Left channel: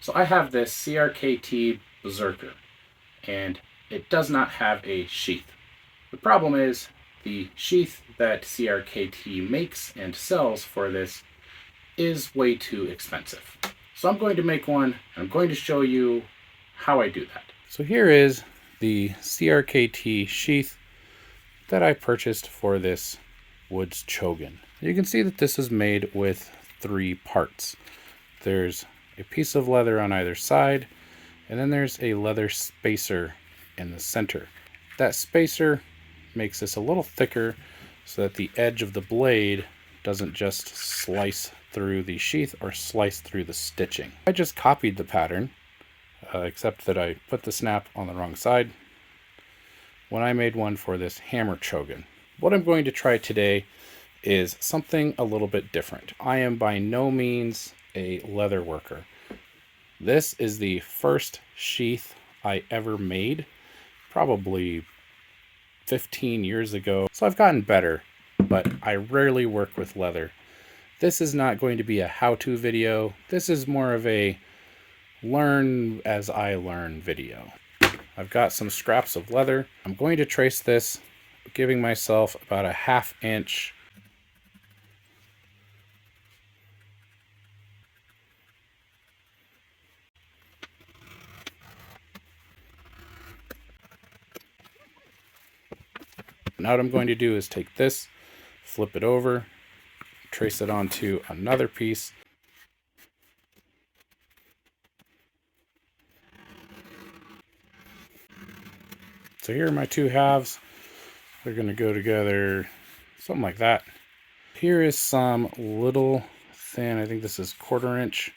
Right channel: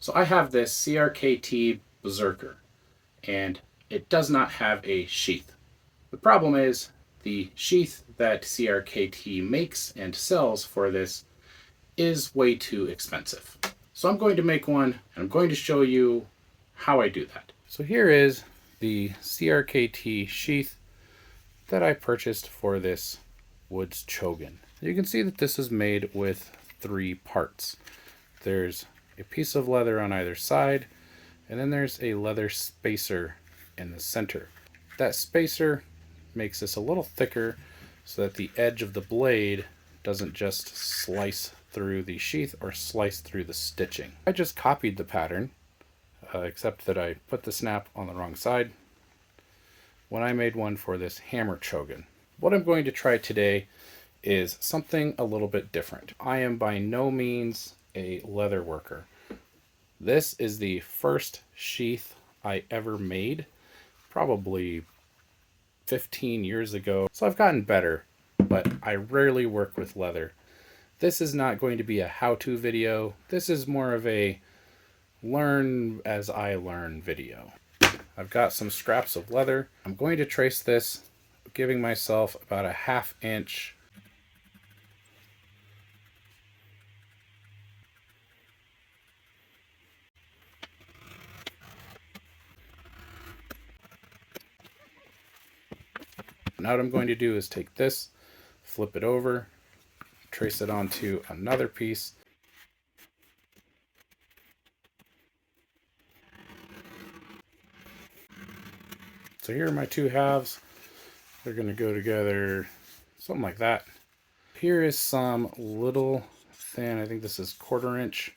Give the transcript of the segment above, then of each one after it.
So I have this CRKT Berserker, and it does not have a sheath. The problem is the sheath that CRKT makes and sells for this is way too expensive. So I'm going to make one, and I'm going to show you how I do that. So here is the CRKT sheath that I purchased for this Woods Chogan. You can see that this is made with 3 parts. There's a piece of leather on either side, and then there's a leather spacer in the center. That spacer makes this a little thicker so that the edge of the blade doesn't just slice through the sheath or slice through the stitching. I just copied the pattern, except that I put the snap on the wrong side when I made one for this hammer chogan. What I'm going to try today is something a little bit different. I am by no means a leather worker. This is the first sheath I ever made, probably 15 years ago. So I've gotten better, but I rarely work with leather. This is not going to be a how-to video. This is more of a learn as I learn video. I've got some scraps of leather. I'm going to trace this, giving myself about a 1/2 inch . Now what I'm going to do is take this, flip it over, trace it onto another piece. So here are my 2 halves. They're going to go together, something like that. Here is some little thin, I think this is 1/4 inch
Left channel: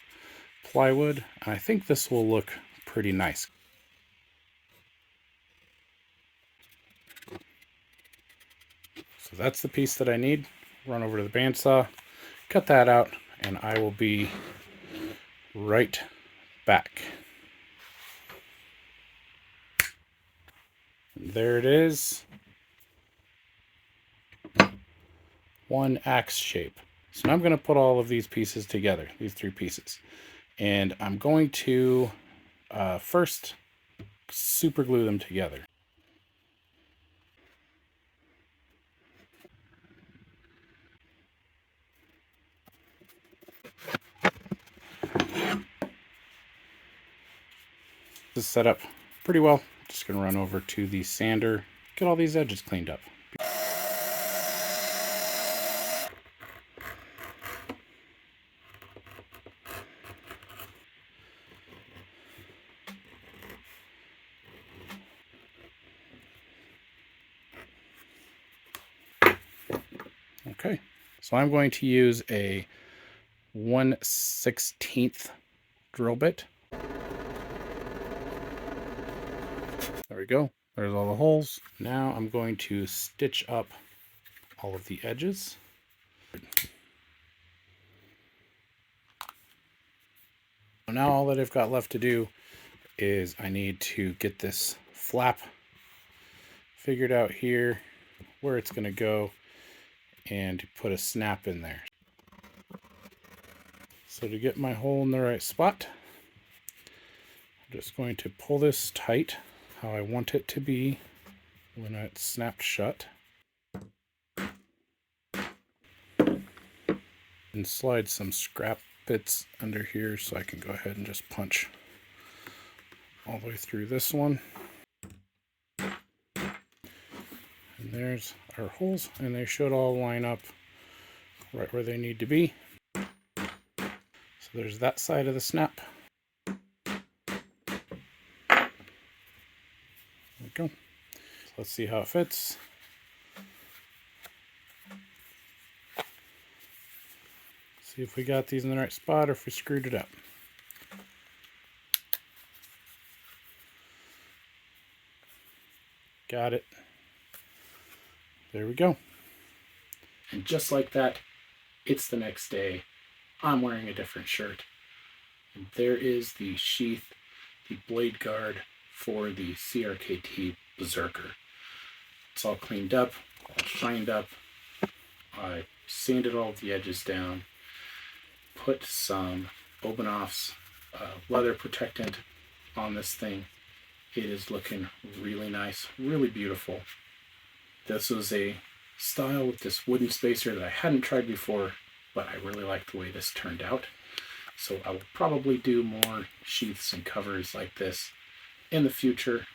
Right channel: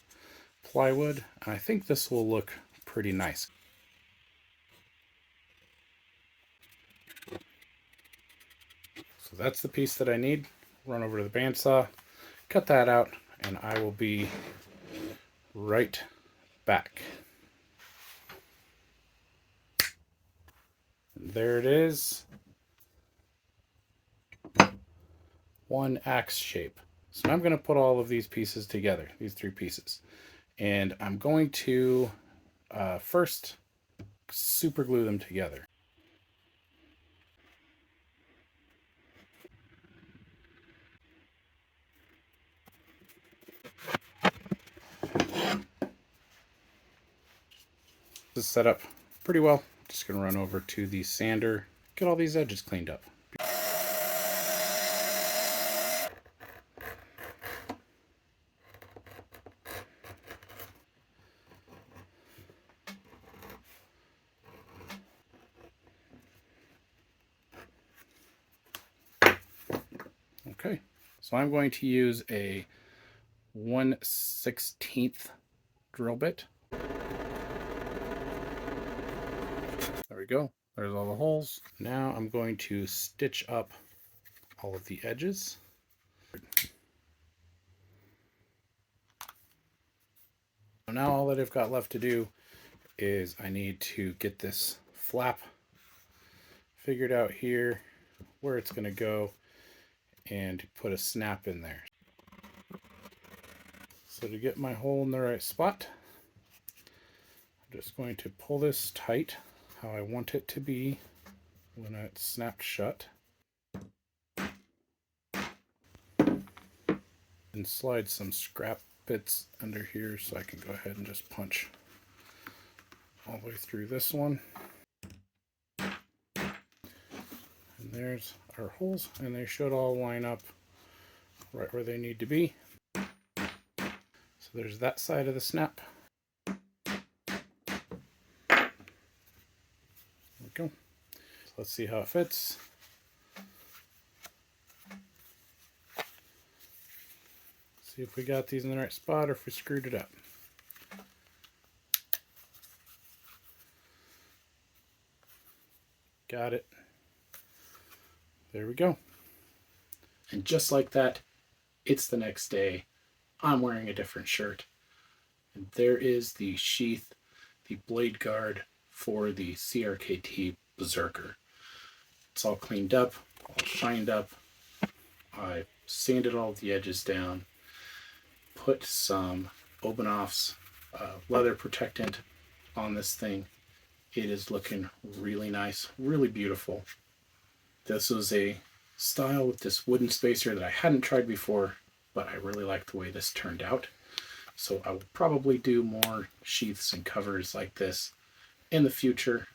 plywood. And I think this will look pretty nice. So that's the piece that I need. Run over to the bandsaw, cut that out, and I will be right back. There it is. One axe shape. So now I'm going to put all of these pieces together, these 3 pieces. And I'm going to first super glue them together. This is set up pretty well. Just going to run over to the sander, get all these edges cleaned up. Okay, so I'm going to use a 1/16 drill bit. There we go. There's all the holes. Now I'm going to stitch up all of the edges. Now all that I've got left to do is I need to get this flap figured out here, where it's going to go, and put a snap in there. So to get my hole in the right spot, I'm just going to pull this tight how I want it to be when it's snapped shut. And slide some scrap bits under here so I can go ahead and just punch all the way through this one. And there's our holes, and they should all line up right where they need to be. So there's that side of the snap. There we go. So let's see how it fits. See if we got these in the right spot or if we screwed it up. Got it. There we go. And just like that, it's the next day. I'm wearing a different shirt. And there is the sheath, the blade guard for the CRKT Berserker. It's all cleaned up, all shined up. I sanded all of the edges down, put some Obenoffs leather protectant on this thing. It is looking really nice, really beautiful. This was a style with this wooden spacer that I hadn't tried before, but I really like the way this turned out. So I will probably do more sheaths and covers like this in the future.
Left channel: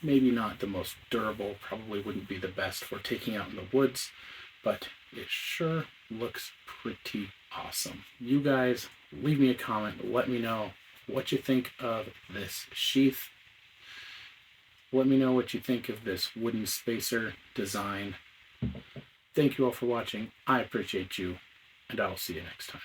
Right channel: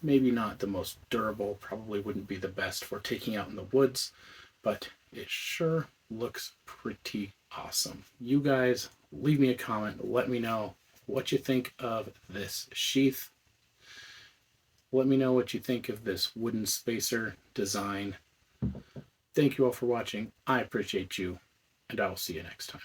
Maybe not the most durable, probably wouldn't be the best for taking out in the woods, but it sure looks pretty awesome. You guys leave me a comment, let me know what you think of this sheath. Let me know what you think of this wooden spacer design. Thank you all for watching. I appreciate you, and I will see you next time.